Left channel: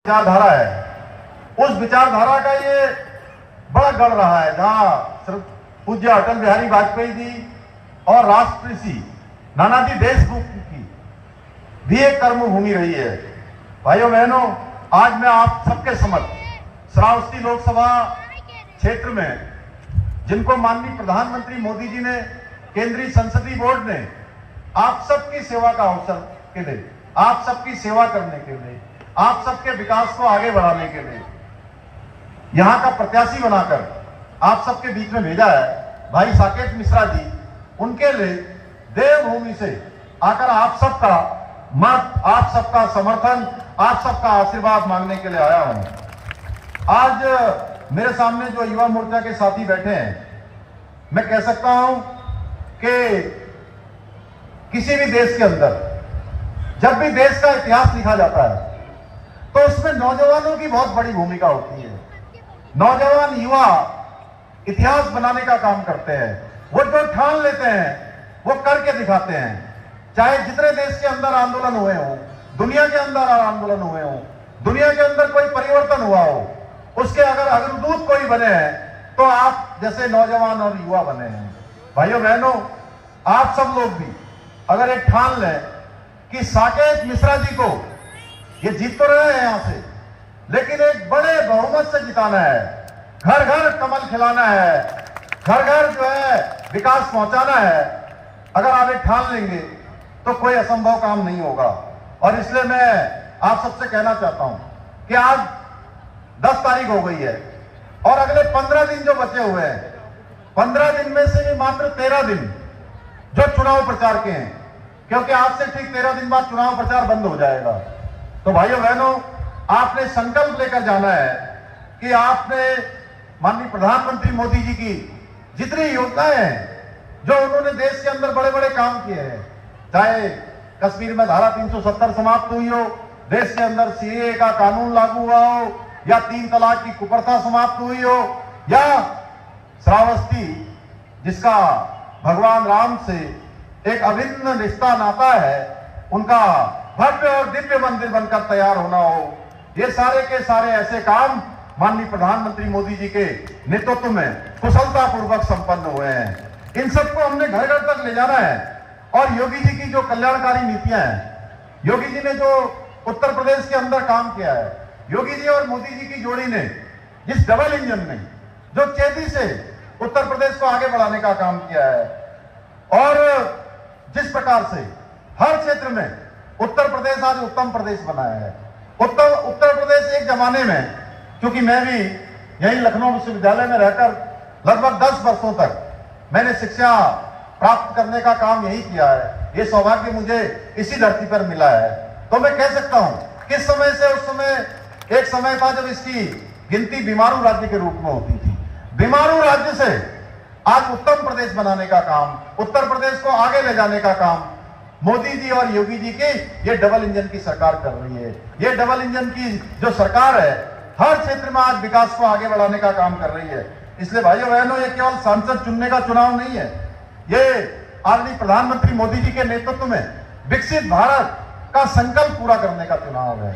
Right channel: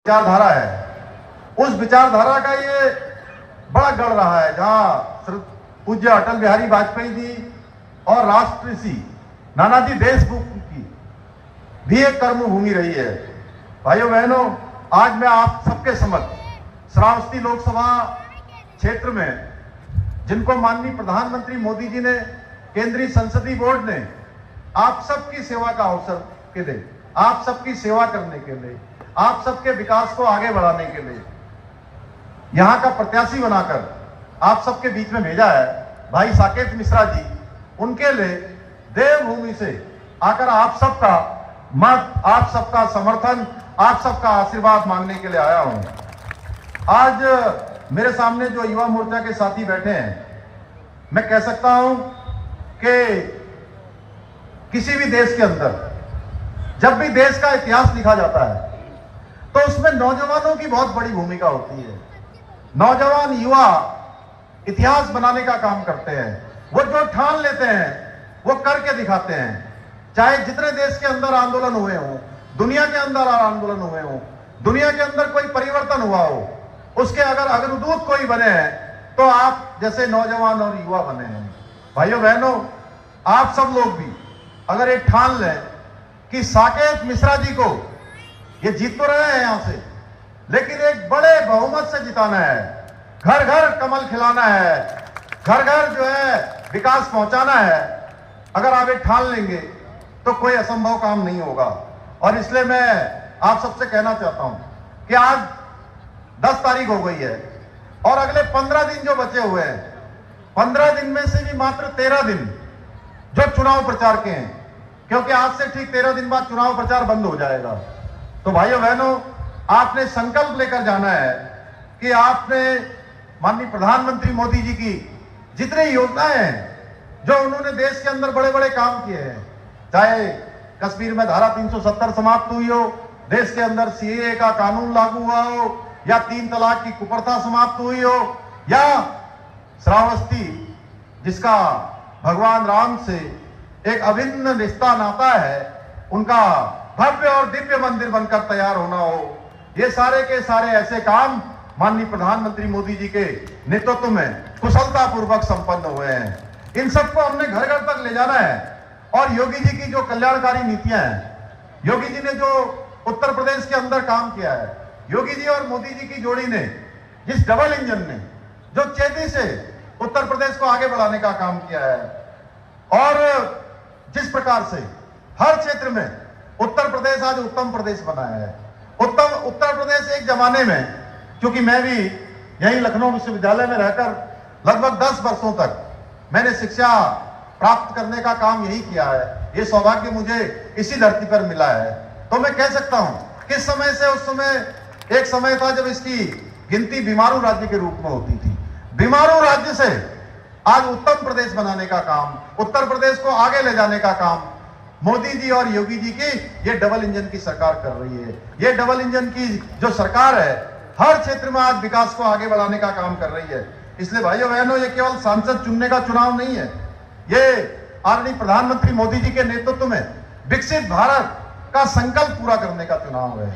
विचारधारा है, उस विचारधारा का ये बड़ा गढ़ रहा है, जहां पूज्य अटल बिहारी वाजपेयी जी और राष्ट्रऋषि नानाजी देशमुख की भी एक कर्मभूमि रही है। भाइयों बहनों, आज मैं आप सबके समक्ष श्रावस्ती लोकसभा क्षेत्र में, जिनको माननीय प्रधानमंत्री मोदी जी ने, केंद्रीय संसदीय बोर्ड ने आप सबकी सेवा का अवसर के लिए, आप सबकी सेवा करने के लिए, आप सबके विकास को आगे बढ़ाने के लिए यहां का प्रत्याशी बनाकर आप सबके बीच में भेजा है भाई साकेत मिश्रा जी। उनके लिए देवभूमि से आकर आप सबका मत, आप सबका समर्थन, आप सबका आशीर्वाद मांगने के लिए आया हूं। आज मेरे सामने जो युवा मोर्चा के साथी बैठे हैं, मैं कह सकता हूं कि किसी भी देश के अंदर जब भी देश का इतिहास लिखा जाता है तो उसमें नौजवानों की बहुत बड़ी भूमिका होती है। नौजवान युवा इतिहास बनाने का काम करते हैं। वो जो ठान लेते हैं वो करके दिखाते हैं। चाहे जितने देश के अंदर आंदोलन हुए हों, दुनिया के अंदर आंदोलन हुए हों, दुनिया के अंदर कोई परिवर्तन हुआ हो, उसके अगर अग्रदूत कोई बने हैं तो आप जैसे नौजवान और युवा बने हैं। भाइयों बहनों, आप सब लोग भी अगर ये ठान लें कि साकेत मिश्रा जी को, ये जीत तो रहे हैं यहां से, लेकिन एक बड़े बहुमत से जिताना है, घर घर कमल खिलाना है, घर घर जो है विकास पहुंचाना है। अगर आप ये ठान लेंगे तो कोई असंभव काम नहीं होगा। और इसलिए मैं आप सबसे कहना चाहता हूं कि आज 10 तारीख हो गई है और अगले 15 दिन जो बचे हुए हैं, 15 दिन में से भी मात्र 13 दिन जो चुनाव प्रचार के हैं, क्योंकि आज से ठीक 13 दिन बाद चुनाव प्रचार बंद हो जाएगा। तो भाइयों बहनों, आपने संकल्प लेकर जाना है कि आपने माननीय प्रधानमंत्री मोदी जी की जितनी योजनाएं हैं, जो उन्होंने देश के अंदर बड़े बड़े काम किए हैं, चाहे कश्मीर में धारा 370 समाप्त हुई हो, देश के अंदर सीएए का कानून लागू हुआ हो, या 3 तलाक की कुप्रथा समाप्त हुई हो, या श्रावस्ती जिसका भगवान राम से एक अभिन्न रिश्ता नाता है, उनका भव्य और दिव्य मंदिर बनकर तैयार होना हो, ये सारे के सारे ऐसे काम माननीय प्रधानमंत्री मोदी जी के नेतृत्व में कुशलता पूर्वक संपन्न हुए हैं। इन सबको हमने घर घर तक ले जाना है। और योगी जी की जो कल्याणकारी नीतियां हैं, योगी जी ने जो उत्तर प्रदेश के अंदर काम किया है, योगी जी और मोदी जी की जोड़ी ने जिस डबल इंजन ने जो तेजी से उत्तर प्रदेश को आगे बढ़ाने का काम किया है, और जिस प्रकार से हर क्षेत्र में उत्तर प्रदेश आज उत्तम प्रदेश बना है। उत्तर प्रदेश एक जमाने में, क्योंकि मैं भी यहीं लखनऊ विश्वविद्यालय में रहकर लगभग 10 वर्षों तक मैंने शिक्षा प्राप्त करने का काम यही किया है, ये सौभाग्य मुझे इसी धरती पर मिला है। तो मैं कह सकता हूं किस समय से, उस समय एक समय था जब इसकी गिनती बीमारू राज्य के रूप में होती थी। बीमारू राज्य से आज उत्तम प्रदेश बनाने का काम, उत्तर प्रदेश को आगे ले जाने का काम मोदी जी और योगी जी की ये डबल इंजन की सरकार कर रही है। ये डबल इंजन की जो सरकार है, हर क्षेत्र में आज विकास को आगे बढ़ाने का काम कर रही है। इसलिए भाइयों बहनों, ये केवल सांसद चुनने का चुनाव नहीं है, ये आदरणीय प्रधानमंत्री मोदी जी के नेतृत्व में विकसित भारत का संकल्प पूरा करने का चुनाव है।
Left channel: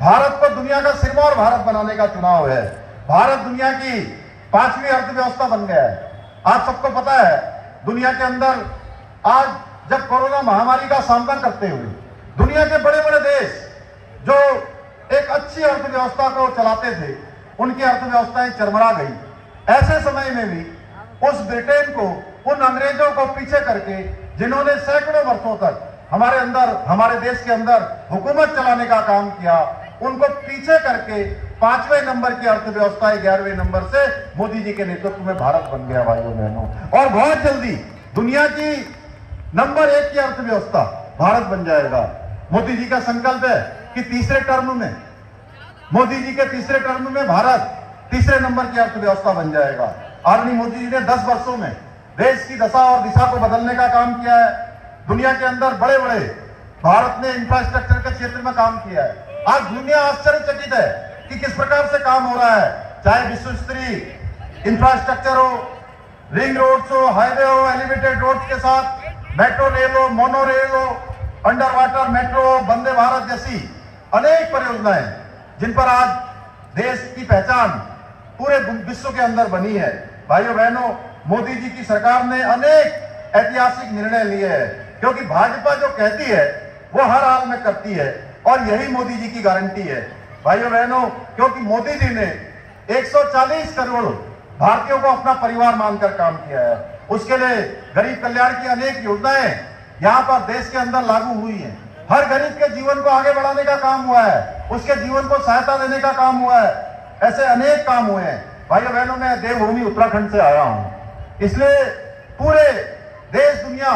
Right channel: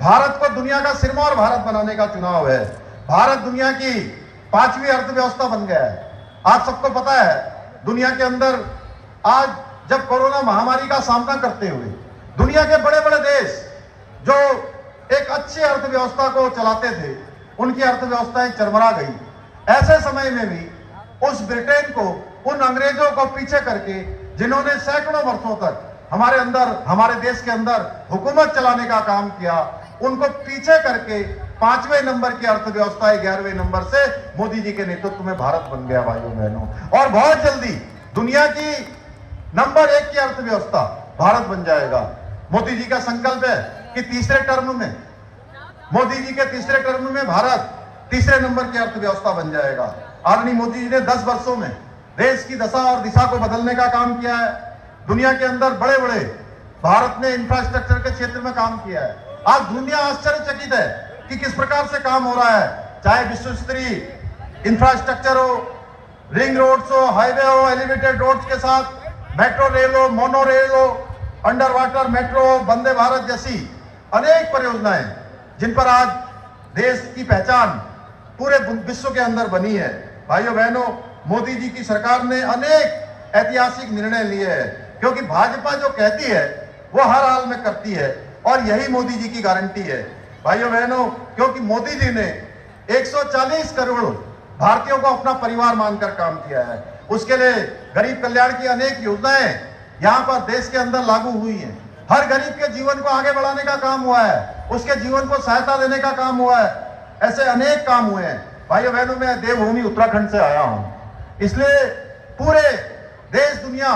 भारत को दुनिया का सिरमौर भारत बनाने का चुनाव है। भारत दुनिया की 5वीं अर्थव्यवस्था बन गया है। आप सबको पता है, दुनिया के अंदर आज जब कोरोना महामारी का सामना करते हुए दुनिया के बड़े बड़े देश जो एक अच्छी अर्थव्यवस्था को चलाते थे, उनकी अर्थव्यवस्थाएं चरमरा गई। ऐसे समय में भी उस ब्रिटेन को, उन अंग्रेजों को पीछे करके, जिन्होंने सैकड़ों वर्षों तक हमारे देश के अंदर हुकूमत चलाने का काम किया, उनको पीछे करके 5वें नंबर की अर्थव्यवस्था 11वें नंबर से मोदी जी के नेतृत्व में भारत बन गया भाइयों बहनों। और बहुत जल्दी दुनिया की नंबर 1 की अर्थव्यवस्था भारत बन जाएगा। मोदी जी का संकल्प है कि तीसरे टर्म में, मोदी जी के तीसरे टर्म में भारत तीसरे नंबर की अर्थव्यवस्था बन जाएगा। आदरणीय मोदी जी ने 10 वर्षों में देश की दशा और दिशा को बदलने का काम किया है। दुनिया के अंदर बड़े बड़े भारत ने इंफ्रास्ट्रक्चर के क्षेत्र में काम किया है। आज दुनिया आश्चर्यचकित है कि किस प्रकार से काम हो रहा है, चाहे विश्व स्तरीय इंफ्रास्ट्रक्चर हो, रिंग रोड्स हो, हाईवे हो, एलिवेटेड रोड्स के साथ मेट्रो रेल हो, मोनो रेल हो, under water metro, Vande Bharat जैसी अनेक परियोजनाएं जिन पर आज देश की पहचान पूरे विश्व के अंदर बनी है। भाइयों बहनों, मोदी जी की सरकार ने अनेक ऐतिहासिक निर्णय लिए हैं, क्योंकि भाजपा जो कहती है वो हर हाल में करती है, और यही मोदी जी की गारंटी है। भाइयों बहनों, क्योंकि मोदी जी ने 140 करोड़ भारतीयों को अपना परिवार मानकर काम किया है। उसके लिए गरीब कल्याण की अनेक योजनाएं यहां पर देश के अंदर लागू हुई हैं। हर गरीब के जीवन को आगे बढ़ाने का काम हुआ है, उसके जीवन को सहायता देने का काम हुआ है। ऐसे अनेक काम हुए हैं। भाइयों बहनों, मैं देवभूमि उत्तराखंड से आया हूं, इसलिए पूरे देश दुनिया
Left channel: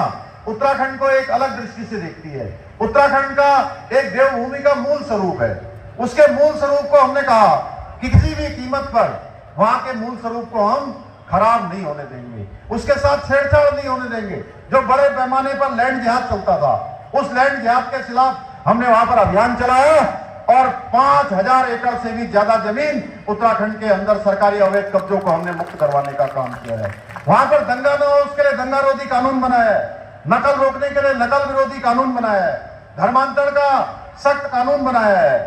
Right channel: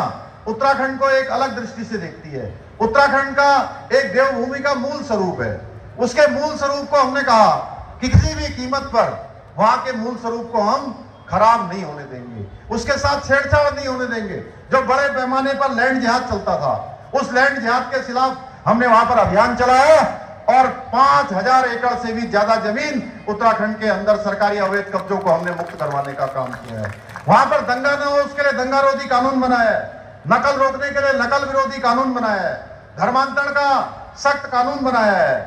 उत्तराखंड को एक अलग दृष्टि से देखती है। उत्तराखंड का एक देवभूमि का मूल स्वरूप है। उसके मूल स्वरूप को हमने कहा कि किसी भी कीमत पर वहां के मूल स्वरूप को हम खराब नहीं होने देंगे, उसके साथ छेड़छाड़ नहीं होने देंगे। जो बड़े पैमाने पर लैंड जिहाद चलता था, उस लैंड जिहाद के खिलाफ हमने वहां पर अभियान चलाया और 5000 एकड़ से भी ज्यादा जमीन उत्तराखंड के अंदर सरकारी अवैध कब्जों को हमने मुक्त करवाने का काम किया है। वहां पर दंगा न हो उसके लिए दंगा रोधी कानून बनाया है, नकल रोकने के लिए नकल विरोधी कानून बनाया है, धर्मांतरण का सख्त कानून बनाया है।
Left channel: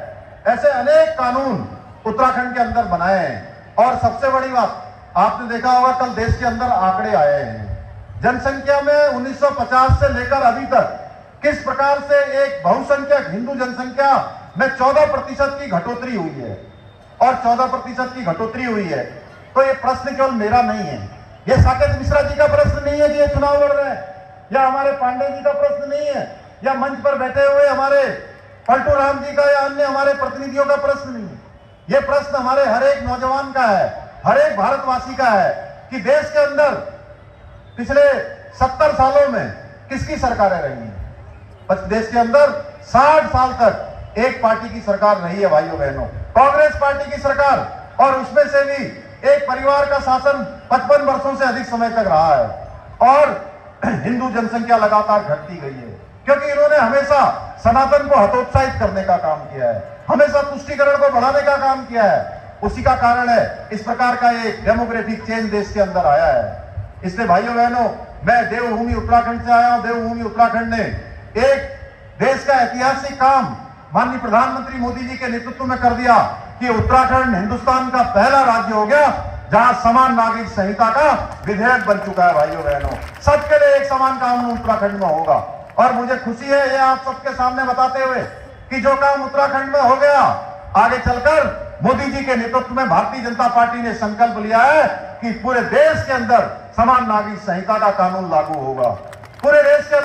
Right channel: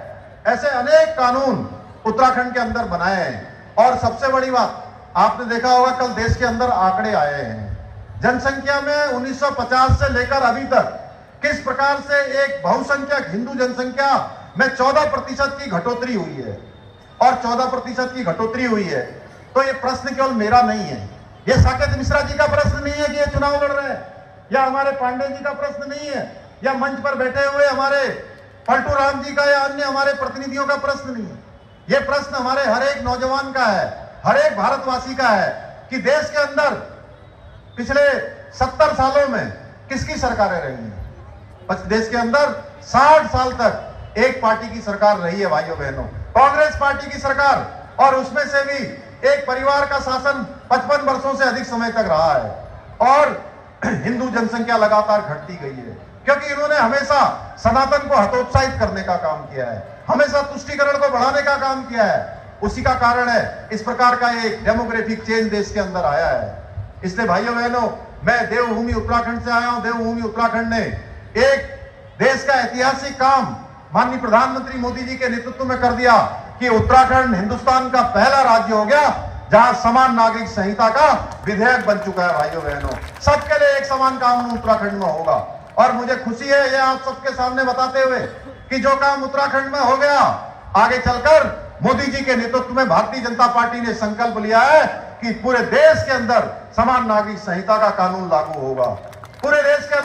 ऐसे अनेक कानून उत्तराखंड के अंदर बनाए हैं। और सबसे बड़ी बात, आपने देखा होगा कल देश के अंदर आंकड़े आए हैं, जनसंख्या में 1950 से लेकर अभी तक किस प्रकार से एक बहुसंख्यक हिंदू जनसंख्या में 14% की घटोतरी हुई है। और 14% की घटोतरी हुई है तो ये प्रश्न केवल मेरा नहीं है, ये साकेत मिश्रा जी का प्रश्न नहीं है कि ये चुनाव लड़ रहे हैं, या हमारे पांडे जी का प्रश्न नहीं है, या मंच पर बैठे हुए हमारे पलटू राम जी का या अन्य हमारे प्रतिनिधियों का प्रश्न नहीं है। ये प्रश्न हमारे हर एक नौजवान का है, हर एक भारतवासी का है कि देश के अंदर पिछले 70 सालों में किसकी सरकारें रही हैं। देश के अंदर 60 साल तक एक पार्टी की सरकार रही है। भाइयों बहनों, कांग्रेस पार्टी की सरकार, और उसमें से भी एक परिवार का शासन 55 वर्षों से अधिक समय तक रहा है। और हिंदू जनसंख्या लगातार घटती गई है, क्योंकि इन्होंने हमेशा सनातन को हतोत्साहित करने का काम किया है, हमेशा तुष्टीकरण को बढ़ाने का काम किया है। उसी का कारण है इस प्रकार का एक डेमोक्रेटिक चेंज देश के अंदर आया है। इसलिए भाइयों बहनों, मैं देवभूमि उत्तराखंड से आया हूं। देवभूमि उत्तराखंड ने एक देश का ऐतिहासिक काम माननीय प्रधानमंत्री मोदी जी के नेतृत्व में कर दिया कि उत्तराखंड हिंदुस्तान का पहला राज्य हो गया जहां समान नागरिक संहिता का विधेयक बन चुका है। भाइयों बहनों, सबके लिए एक समान कानून उत्तराखंड में होगा। और मुझे खुशी है ये आप सबके सामने बताते हुए कि जो काम उत्तराखंड में हो गया, आगे चलकर मोदी जी के नेतृत्व में भारतीय जनता पार्टी ने संकल्प लिया है कि पूरे देश के अंदर समान नागरिक संहिता का कानून लागू होगा। पूरे देश के अंदर